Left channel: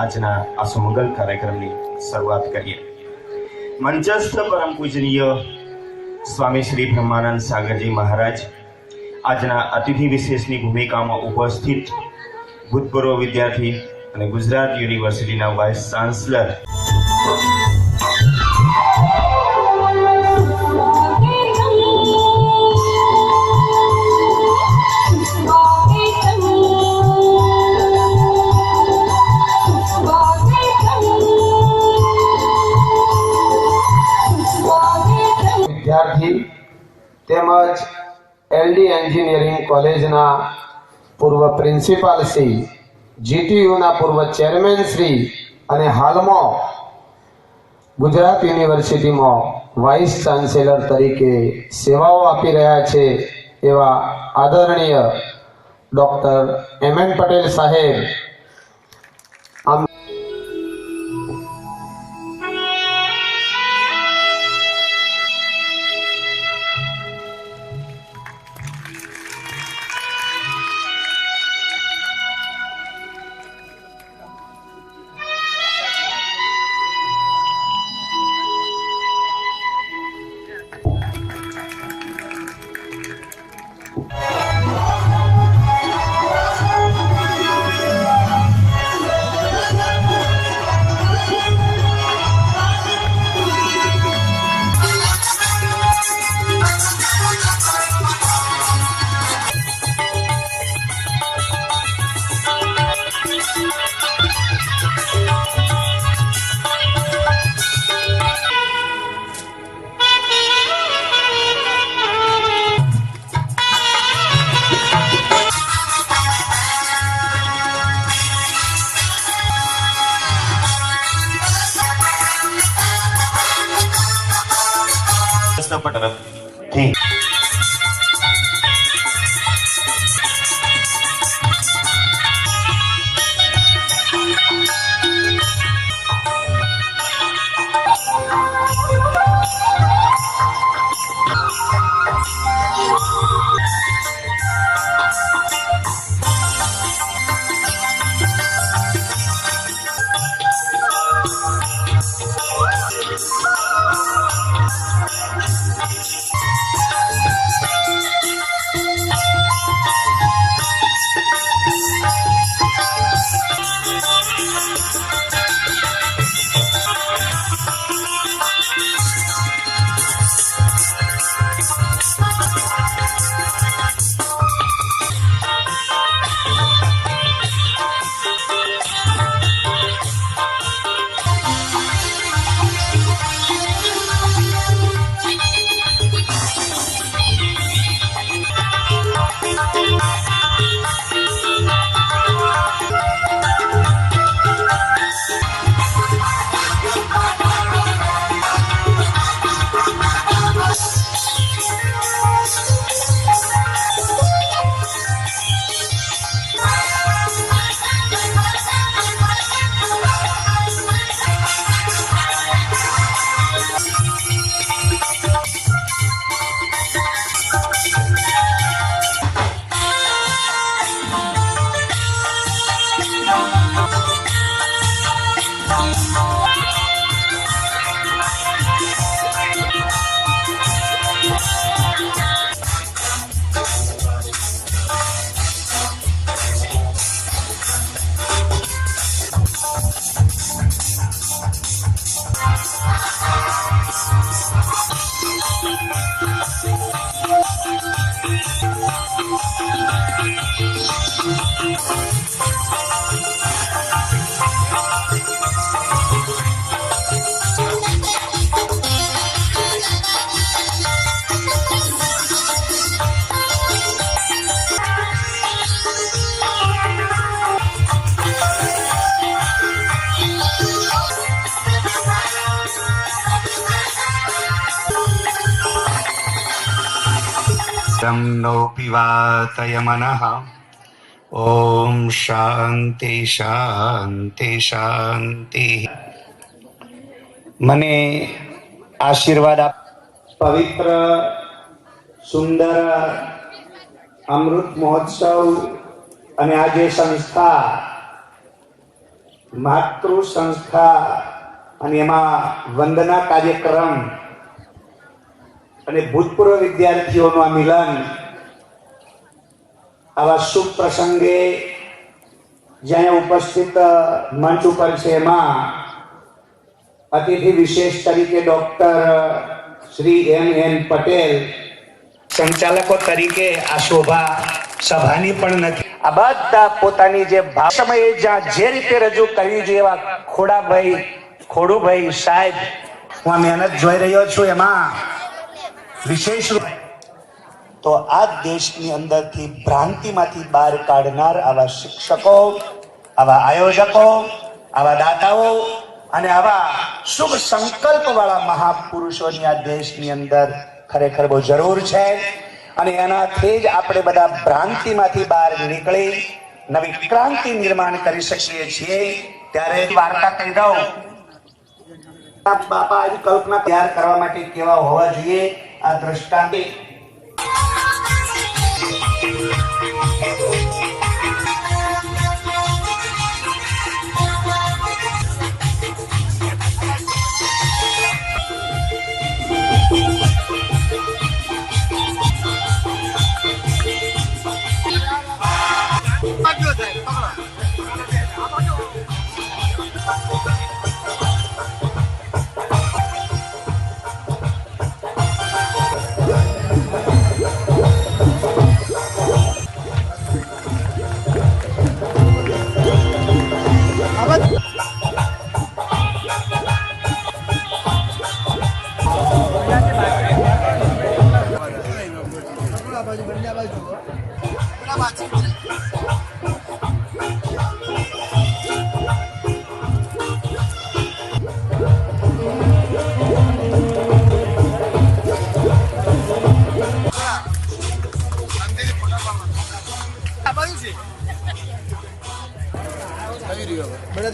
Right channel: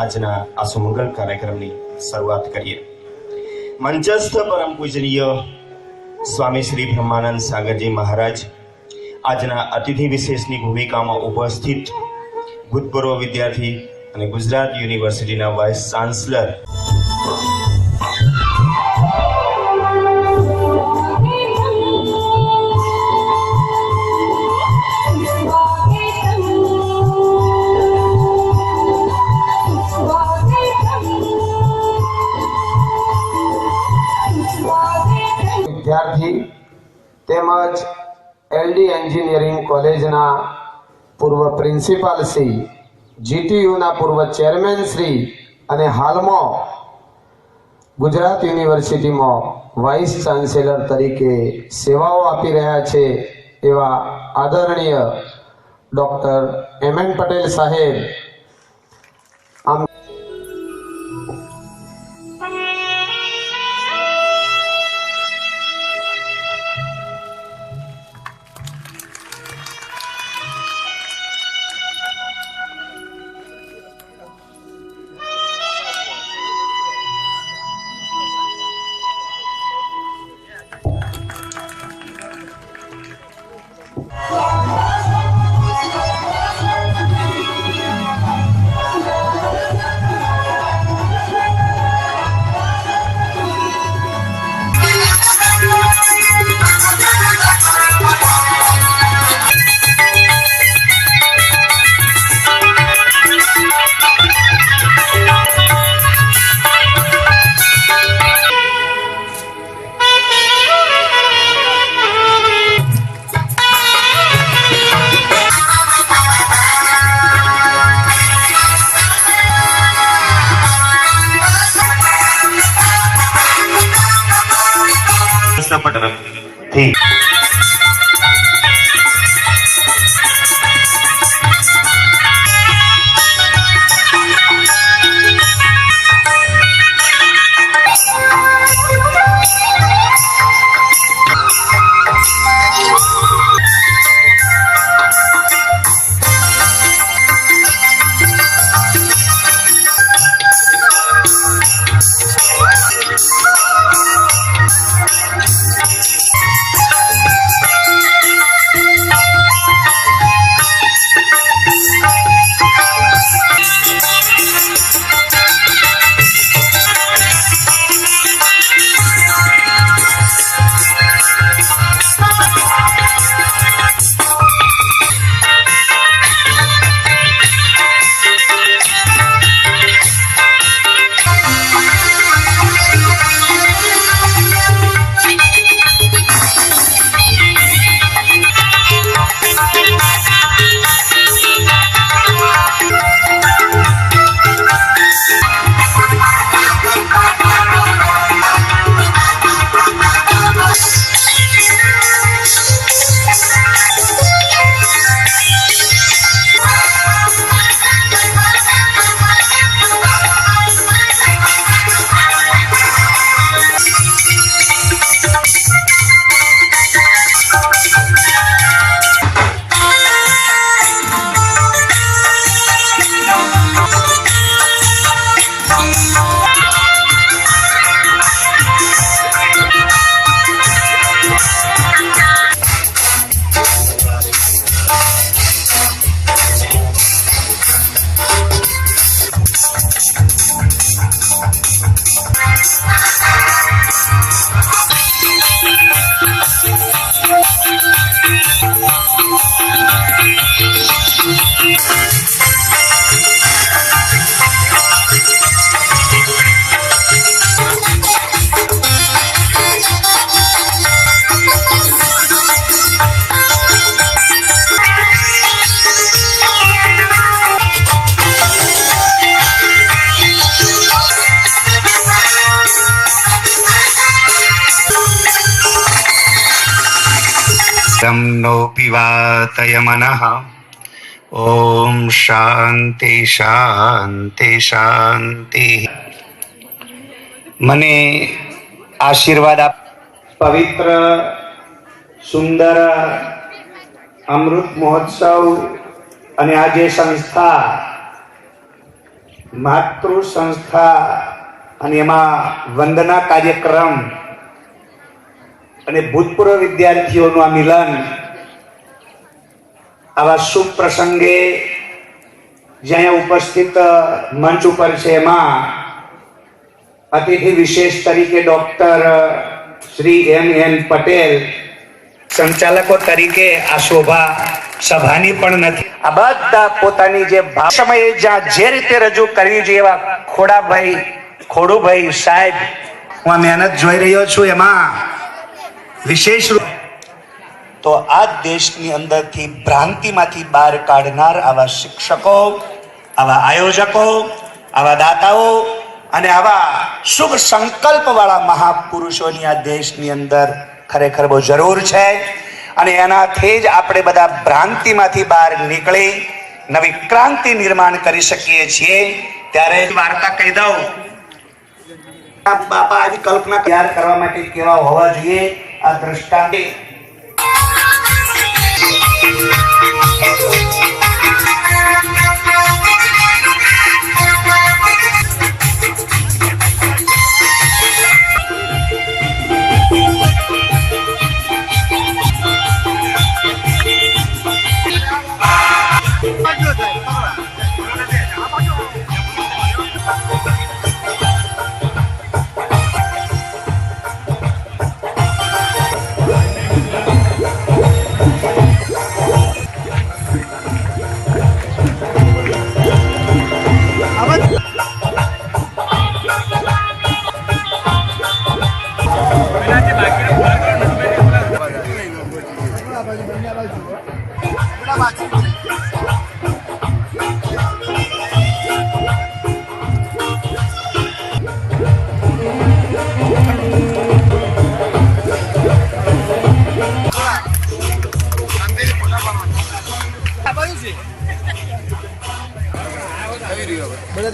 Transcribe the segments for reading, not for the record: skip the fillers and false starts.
આજના આ સુમંગલ કાર્યક્રમની શરૂઆત કરીએ। મંચસ્થ પરમ પૂજનીય સ્વામી શ્રી બ્રહ્માનંદ સાગરજી મહારાજ આજના અતિથિ વિશેષની ભૂમિકામાં ઉપસ્થિત ભૂતપૂર્વ વિદ્યાર્થી અને ગુજરાત યુનિવર્સિટીના વાઇસ ચાન્સલર વિદ્યાર્થી તેમજ એલડી એન્જિનિયરિંગ કોલેજના પૂર્વ પ્રિન્સિપાલ શ્રી, જીટીયુના પૂર્વ ચેરમેન શ્રી અને હાલમાં ગુજરાત યુનિવર્સિટીમાં વાઇસ ચાન્સેલર તરીકે સેવાઓ આપી રહ્યા છે એવા આદરણીય ડૉક્ટર એમ.એન. પટેલ સાહેબ થી नो पिवातय मनः। ओम शांति शांति शांति। મને આશીર્વાદ આપ। પવિત્ર સુંદર અમૃત મહોત્સવ અને આજે સંસ્થા માતૃ સંસ્થા અને એમાં વંદના કાર્યક્રમ અને ભૂતપૂર્વ વિદ્યાર્થીઓનું આ મિલન, આવા શુભ પ્રસંગે જ્યાં ઉપસ્થિત મંચ ઉપર છે એમાં અતિથિ વિશેષ તરીકે ડોક્ટર શ્રી M.N. પટેલ સંચાલકો તરીકે આ શોભા સભાની પણ નથી. આ બધા પોતાની જે સમયે જ્યાં જે રીતે રજૂ કરવી જોઈએ એવા ખોડુભાઈ સાહેબ, હું આ મહેનત જોઈ રહ્યો છું. એમાં વિશેષ તો આ દેશની અંદરથી ભ્રાંતિમાંથી બહાર કાઢનાર આવા શિક્ષકો, આવા આયોજકો, આવા દાતાઓ અને આવા શુભ સંકલ્પ વાળા મહાપુરુષોની આ દેશની અંદર ખરેખર બહુ જરૂર છે. અને એનાથી જ આપણે બધા ભ્રાંતિમાંથી બહાર નીકળી નવી ક્રાંતિ નિર્માણ કરી શકીએ છીએ. ત્યારે વાર્તા કહી દઉં. બાપા આજ કલ્પના તૈયાર કરવા માટે કેવા હોવા જોઈએ આ દ્રષ્ટાંત.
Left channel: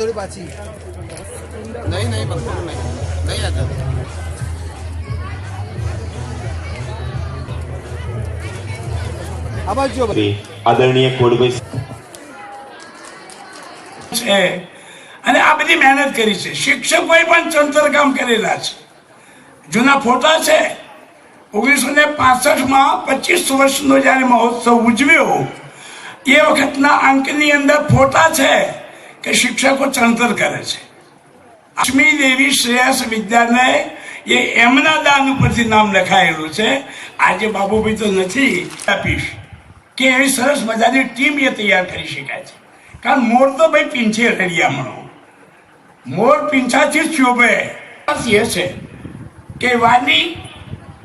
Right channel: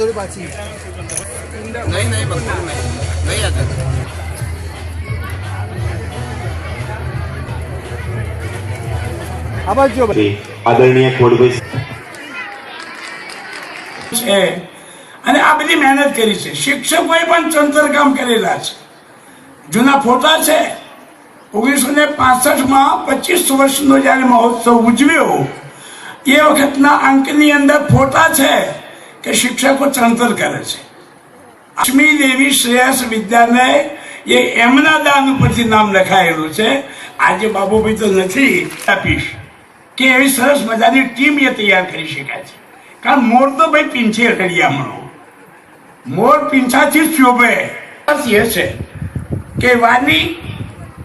थोड़ी पाची नहीं मकबूल नहीं आता आवाज जो આદરણીય ખોડભાઈ છે અને આ બધી મહેનત કરી છે. શિક્ષકોએ પણ ચણતર કામ કરેલા છે. જૂના ફોટા છે. 1965 25 વર્ષનો જયારે મહોત્સવ ઉજવ્યો એ વખતના અંકની અંદર ફોટા છે કે શિક્ષકો ચણતર કરે છે. લક્ષ્મી દેવી શ્રેયસ વિદ્યાલય એ એમના દાન ઉપરથી નામ લખાયેલું છે. આજે બાબુભાઈ તો નથી આપીશ કે એવી સરસ મજાની ટીમ એ તૈયાર કરી શકાય છે. કારણ મોર તો ભાઈ પીંછે હરિયામણો, મોર પીંછાથી જ શોભે. એ છે કે વાની,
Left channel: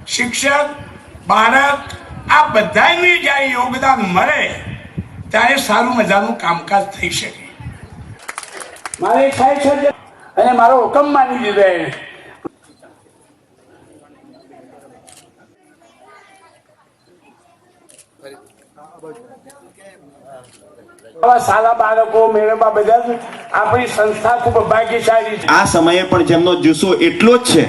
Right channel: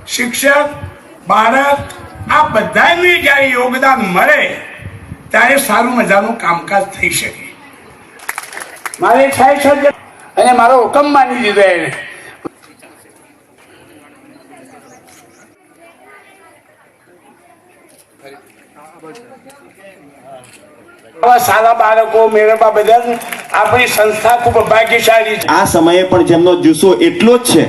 શિક્ષક, બાળક આ બધાને જયારે યોગદાન મળે ત્યારે સારું મજાનું કામકાજ થઈ શકે. મારે થાય છે અને મારો હુકમ માની દીધો. સારા બાળકો મેળવવા બદલ આપણી સંસ્થા ખૂબ ભાગ્યશાળી છે. આ સમયે પણ જેમનો જુસ્સો એટલો જ છે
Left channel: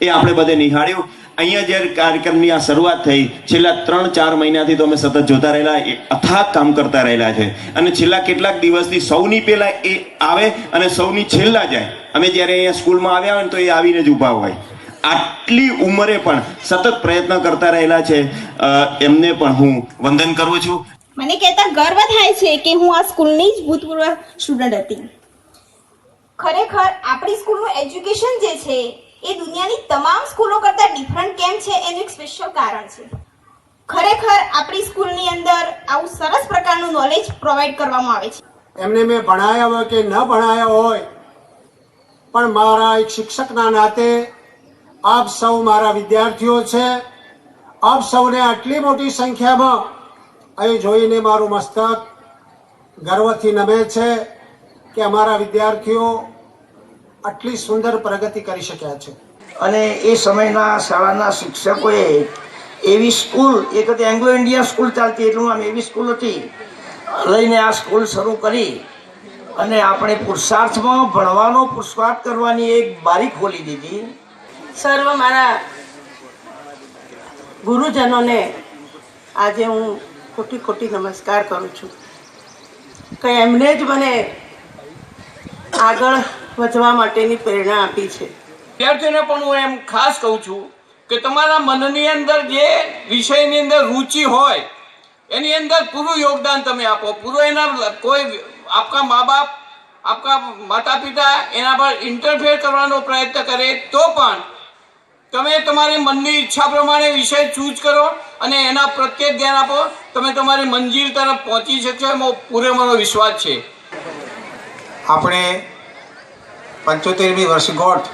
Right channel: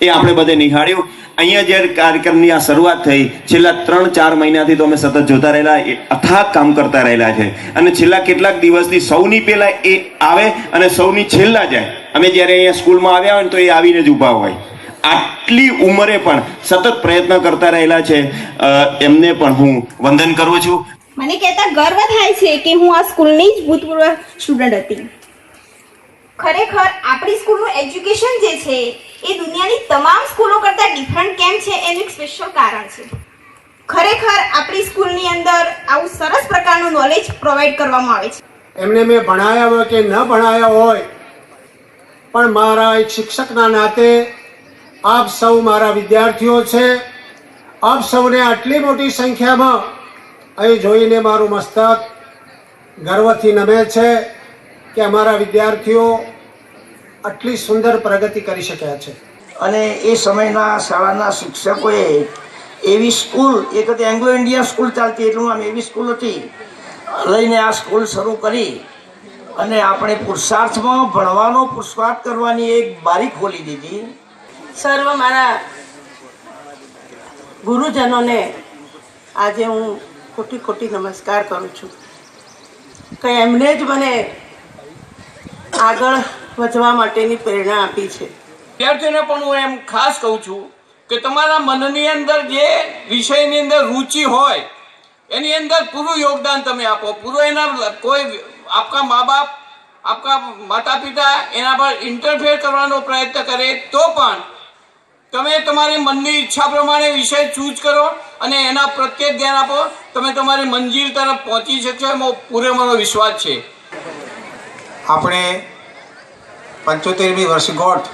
એ આપણે બધે નિહાળ્યું. અહીંયા જ્યારે કાર્યક્રમની આ શરૂઆત થઈ, છેલ્લા 3-4 મહિનાથી તો અમે સતત જોતા રહેલા, અથાગ કામ કરતા રહેલા છે. અને છેલ્લા કેટલાક દિવસથી સૌની પહેલા એ આવે અને સૌની છેલ્લા જાય. અમે જ્યારે અહીંયા સ્કૂલમાં આવ્યા હોય ને તો એ આવીને જ ઊભા હોય. આટલી ઉંમરે પણ સતત પ્રયત્ન કરતા રહેલા છે. એમને પણ હું વંદન કરું છું. મને કહેતા ગર્વ થાય છે કે હું આ સ્કૂલની જ ભૂતપૂર્વ સ્ટુડન્ટ હતી. ખરેખર આપણી સ્કૂલનું એજ્યુકેશન જે છે એ દુનિયાની તમામ સ્કૂલો કરતાં ડિફરન્ટ કેમ છે એનું એક સ્પેશિયલ કારણ છે. ખરેખર આપણી સ્કૂલની અંદર આવું સરસ પ્રકારનું નોલેજ પ્રોવાઈડ કરવામાં આવે છે. એમને મેં ભણાયા હોય કે ન ભણાયા હોય, પણ મારા એક શિક્ષકના નાતે આપ સૌ મારા વિદ્યાર્થીઓ છે. આપ સૌને આટલી મોટી સંખ્યામાં અહીં જોઈને મારું મસ્તક ગર્વથી નમે છે કે અમારા વિદ્યાર્થીઓ આટલી સુંદર પ્રગતિ કરી શક્યા છે. અને એ સમયના શાળાના શિક્ષકોએ એવી સ્કૂલ, એક હતી એંગ્લો ઇન્ડિયન સ્કૂલ ચાલતી, એટલું આમ એવી સ્કૂલ હતી, લઈને આ સ્કૂલ શરૂ કરી અને આપણે પુરુષાર્થમાં ભણવાનો પુરુષાર્થ કરવાની એક બારી ખોલી દીધી. સર્વ મારા ગુરુજનોને આજે હું ખોટી નમસ્કાર કરું છું કે એમણે જ મને આગળ વધવા માટેની પ્રેરણા આપી છે. વિદ્યાર્થીઓને પણ હું એમ ખાસ કહું છું કે તમારા મનની અંદર જે વિષયની અંદર રુચિ હોય એની અંદર પૂરું યોગદાન તમે આપો. પૂરું એના કોઈ આપકા મા બાપ, આપકા માતા પિતા એના પર ઇન્ટરફેર કરવાનો પ્રયત્ન કરે તો પણ તમે તમારી મનની ઈચ્છા પ્રમાણે વિષય ચૂઝ કરો અને એના પ્રત્યે ધ્યાન આપો. તમે તમારી મંજિલ તરફ પહોંચી શકશો એમાં પૂરેપૂરો વિશ્વાસ છે. આપણે 75મી વર્ષગાંઠ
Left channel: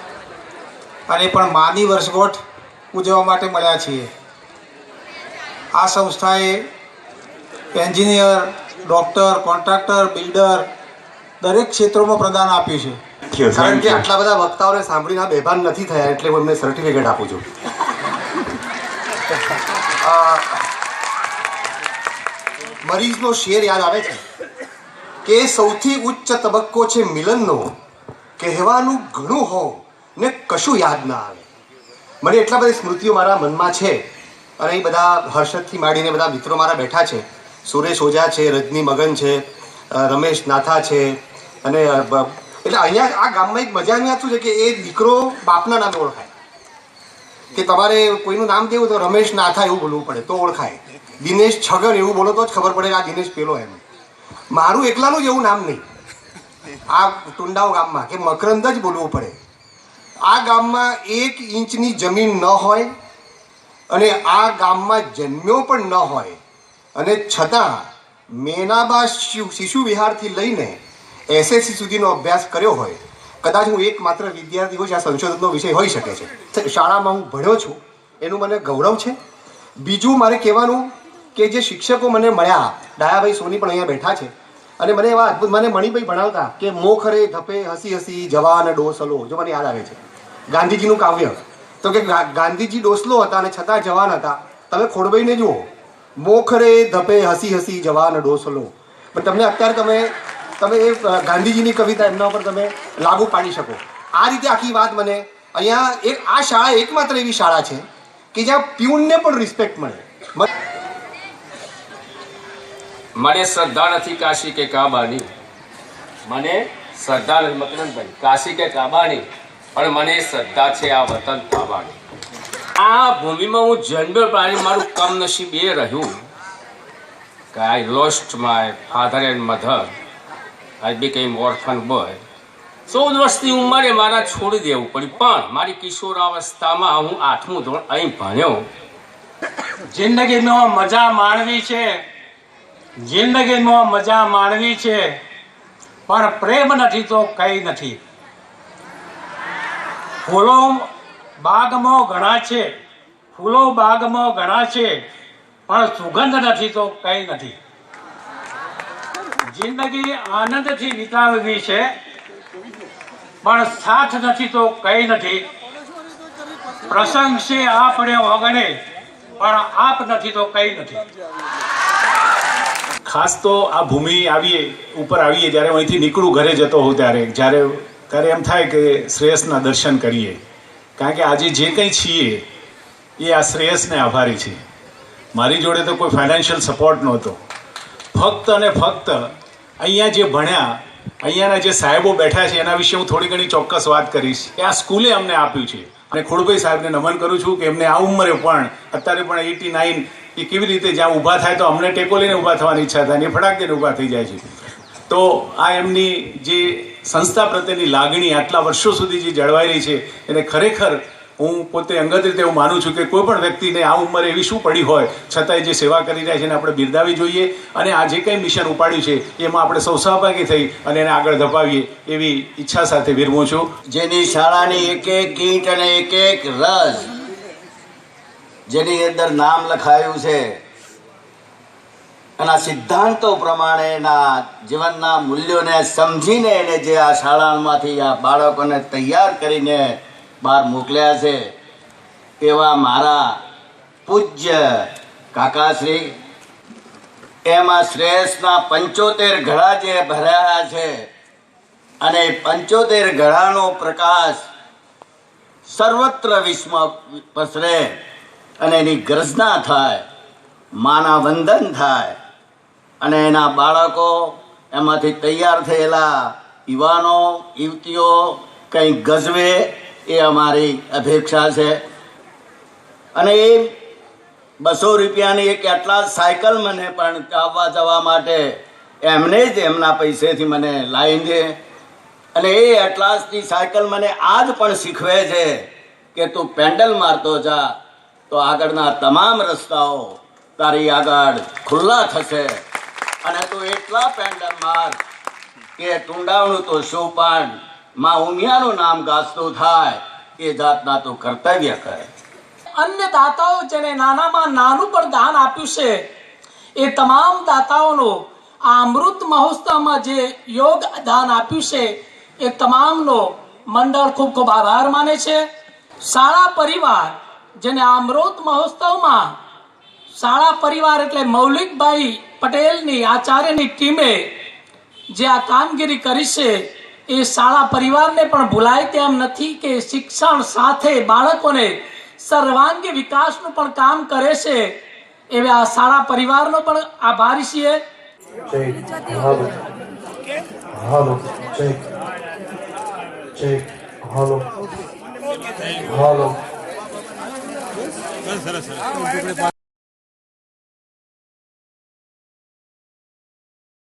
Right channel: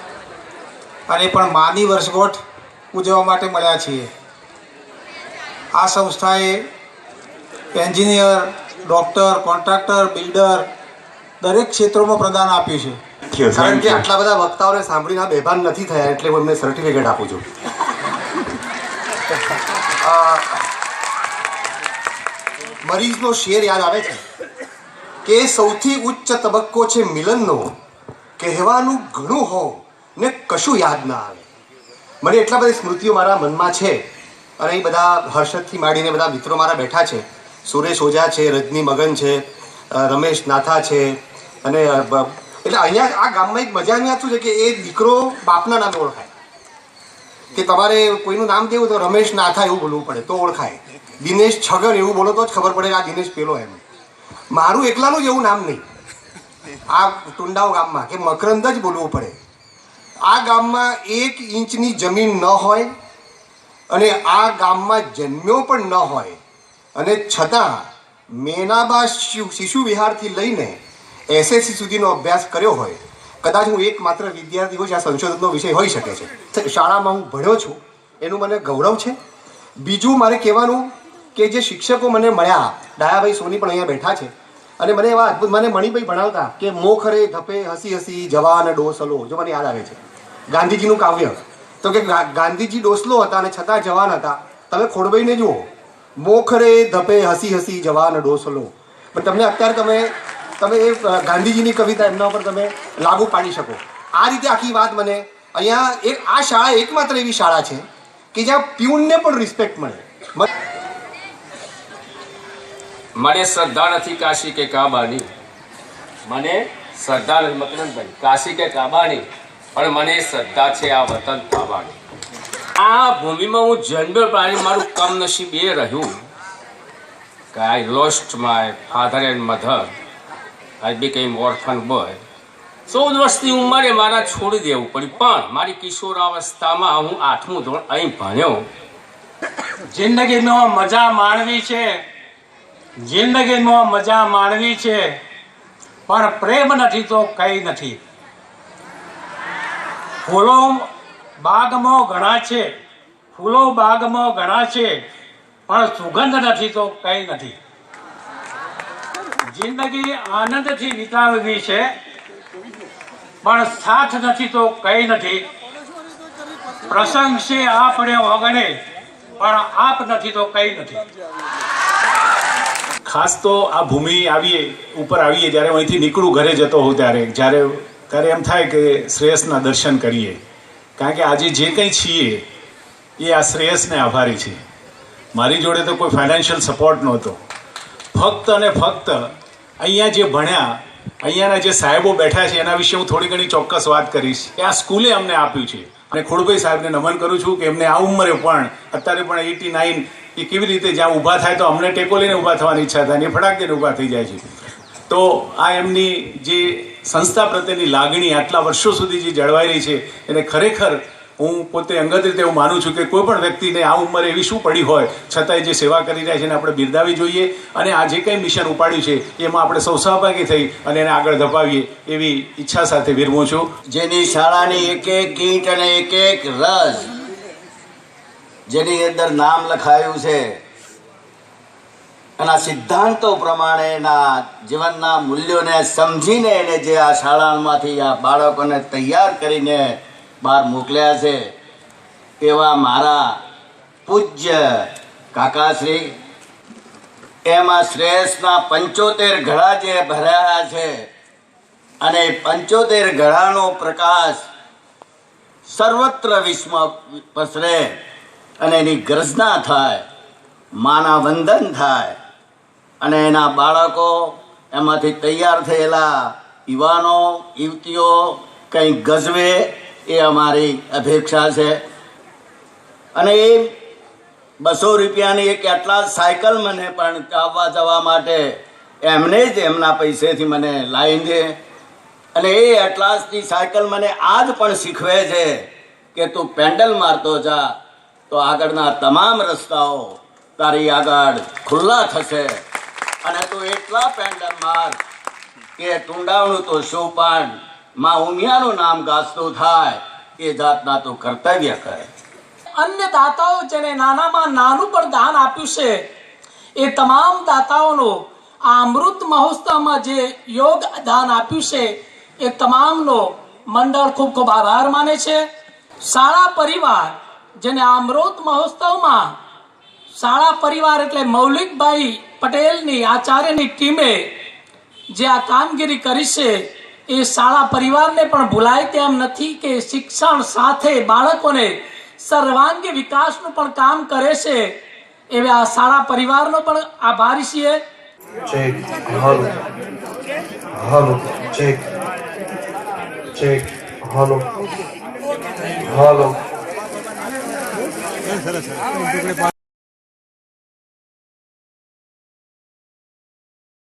અને પણ માની વર્ષગાંઠ ઉજવવા માટે મળ્યા છીએ. આ સંસ્થાએ એન્જિનિયર, ડૉક્ટર, કોન્ટ્રાક્ટર, બિલ્ડર દરેક ક્ષેત્રોમાં પ્રદાન આપ્યું છે. કારણ કે આટલા બધા વક્તાઓને સાંભળીને આ બેભાન નથી થયા એટલે હું એમને સર્ટિફિકેટ આપું છું. મરીઝનો શેર યાદ આવે છે કે સૌથી ઉચ્ચ તબક્કો છે મિલનનો, કહેવાનું ઘણું હોવ ને કશું યાદ ના આવે. મને એટલા બધી સ્મૃતિઓ મારા મનમાં છે અને એ બધા હર્ષદથી માંડીને બધા મિત્રો મારા બેઠા છે. સુરેશ ઓઝા છે, રજની મગન છે, રમેશ નાથા છે અને એટલે અહીંયા આ ગામમાં એક મજાની વાત શું છે કે એ દીકરો બાપના નામે ઓળખાય. કે તમારે કોઈનું નામ દેવું તો રમેશ નાથા એવું બોલવું પડે તો ઓળખાય. દિનેશ છગન એવું બોલો તો જ ખબર પડે કે આ દિનેશ પેલો એમ. મારું એકલાનું જ એવું નામ નહીં. આ ટુંડાવ ગામમાં કે મકરંદ જ બોલવું પડે. આ ગામમાં 1 ઇંચની જમીન ન હોય અને આ ગામમાં જન્મ્યો પણ ન હોય અને છતાં મેનાબા શિશુ વિહારથી લઈને SSC સુધીનો અભ્યાસ કર્યો હોય. કદાચ હું એકમાત્ર વિદ્યાર્થી હોય આ સંશોધનનો વિષય હોઈ શકે છે. શાળામાં હું ભણ્યો છું એનું મને ગૌરવ છે. બીજું મારે કહેવાનું કે જે શિક્ષકો મને મળ્યા, ડાયાભાઈ સોની પણ અહીંયા બેઠા છે અને મને એવા અદ્ભુત મને મણિભાઈ ભણાવતા કે મોખરે ધપે હસી હસી જવાન ડોસલો, જો મને યાદ આવે છે ગાંધીજીનું કાવ્ય. તો કે ગાંધીજી ડોસલો હતા અને છતાં જવાન હતા. તમે ખોડભાઈને જુઓ, મોખરે ધપે હસી હસી જવાન ડોસલો. પણ તમને અત્યારે તમે એ ગાંધીજીની કવિતા એમના ઉપર તમે લાગુ પાડી શકો. આ રીતે આખી વાત મને અહીંયા આ શાળા એકમાત્ર એવી શાળા છે કે જ્યાં પ્યુનને પણ રિસ્પેક્ટ મળે. મને શ્રદ્ધા નથી કાશી કે કાબાની, મને શ્રદ્ધા નથી મકરંદભાઈ કાશી કે કાબાની, પણ મને શ્રદ્ધા છે આ વતન કાબાની. આ ભૂમિમાં હું જન્મ્યો પ્રાણી મારું કમનસીબ એ રહ્યું કે I lost my father and mother. I became orphan boy. 14 વર્ષની ઉંમરે મારા છોડી દેવું પડ્યું, પણ મારી કિશોરાવસ્થામાં હું 8મું ધોરણ અહીં ભણ્યો. જિંદગીમાં મજા માણવી છે, જિંદગીમાં મજા માણવી છે, પણ પ્રેમ નથી તો કંઈ નથી. ફૂલો બાગમાં ઘણા છે, ફૂલો બાગમાં ઘણા છે, પણ સુગંધ નથી તો કંઈ નથી. જિંદગી આનંદથી વિતાવવી છે, પણ સાથ નથી તો કંઈ નથી. પ્રસંગ છે આપણે ઓગણે, પણ આપ નથી તો કંઈ નથી. ખાસ તો આ ભૂમિ ઉપર આવીએ જ્યારે હું અહીંથી નીકળું ઘરે જતો હોઉં ત્યારે એમ થાય કે શ્રેયસના દર્શન કરીએ. કારણ કે આજે જે કંઈ છીએ એ આ શ્રેયસને આભારી છે. મારી જોડે તો કોઈ ફાઇનાન્શિયલ સપોર્ટ નહોતો. ફક્ત અને ફક્ત અહીંયા જે ભણ્યા, અહીંયાના જે સાહેબો બેઠા છે એના વિશે હું થોડી ઘણી ચોક્કસ વાત કરીશ કે આ સ્કૂલે અમને આપ્યું છે. અને ખોડભાઈ સાહેબને નમન કરું છું કે એમને આ ઉંમરે પણ અત્યારે પણ 89 એ કેવી રીતે જ્યાં ઊભા થાય તો અમને ટેકો લઈને ઊભા થવાની ઈચ્છા થાય ને ફટાક દઈને ઊભા થઈ જાય છે. તો આ એમની જે સંસ્થા પ્રત્યેની લાગણી આટલા વર્ષો સુધી જે જળવાઈ રહી છે એને ખરેખર હું પોતે અંગત રીતે એવું માનું છું કે કોઈ પણ વ્યક્તિને આ ઉંમરે એવી શું પડી હોય છતાંય જે સેવા કરી રહ્યા છે એને આપણે બિરદાવી જોઈએ અને આ જે કંઈ મિશન ઉપાડ્યું છે એમાં આપણે સૌ સહભાગી થઈ અને એને આગળ ધપાવીએ એવી ઈચ્છા સાથે વિરમું છું. જેની શાળાની એક ગીત અને એક રસ જેની અંદર નામ લખાયું છે, એના સિદ્ધાંતો પ્રમાણે એના જીવનના મૂલ્યોને સમજીને એને જે આ શાળામાંથી આ બાળકોને તૈયાર કરીને બહાર મોકલ્યા છે એવા મારા પૂજ્ય કાકાશ્રી, એમાં શ્રેયસના 75 ઘડા જે ભરાયા છે અને 75 ઘડાનો પ્રકાશ સર્વત્ર વિશ્વમાં પસરે અને એની ગર્જના થાય, માના વંદન થાય અને એના બાળકો એમાંથી તૈયાર થયેલા યુવાનો યુવતીઓ કંઈક ગજવે એ અમારી અપેક્ષા છે. અને એ 200 રૂપિયાની એક એટલા સાયકલ મને પણ આવવા જવા માટે એમને જ એમના પૈસેથી મને લાવી દે. અને એ એટલાસની સાયકલ મને આજ પણ શીખવે છે કે તું પેન્ડલ મારતો જા તો આગળના તમામ રસ્તાઓ તારી આગળ ખુલ્લા થશે. અને તું એટલા પેન્ડલ માર કે ટુંડાવણું તો શું પણ માં ઉમિયાનું નામ ગાજતું થાય એ જાતના તું કર્તવ્ય કરે. અન્ય દાતાઓ જેને નાનામાં નાનું પણ દાન આપ્યું છે એ તમામ દાતાઓનો આ અમૃત મહોત્સવમાં જે યોગ દાન આપ્યું છે એ તમામનો મંડળ ખૂબ ખૂબ આભાર માને છે. શાળા પરિવાર જેને આ અમૃત મહોત્સવમાં શાળા પરિવાર એટલે મૌલિકભાઈ પટેલની આચાર્યની ટીમે જે આ કામગીરી કરી છે એ શાળા પરિવારને પણ ભૂલાય તેમ નથી કે શિક્ષણ સાથે બાળકોને સર્વાંગી વિકાસનું પણ કામ કરે છે. એવા આ શાળા પરિવારનો પણ આભારી છીએ. ચેક હાલો હાલો ચેક ચેક હાલો હાલો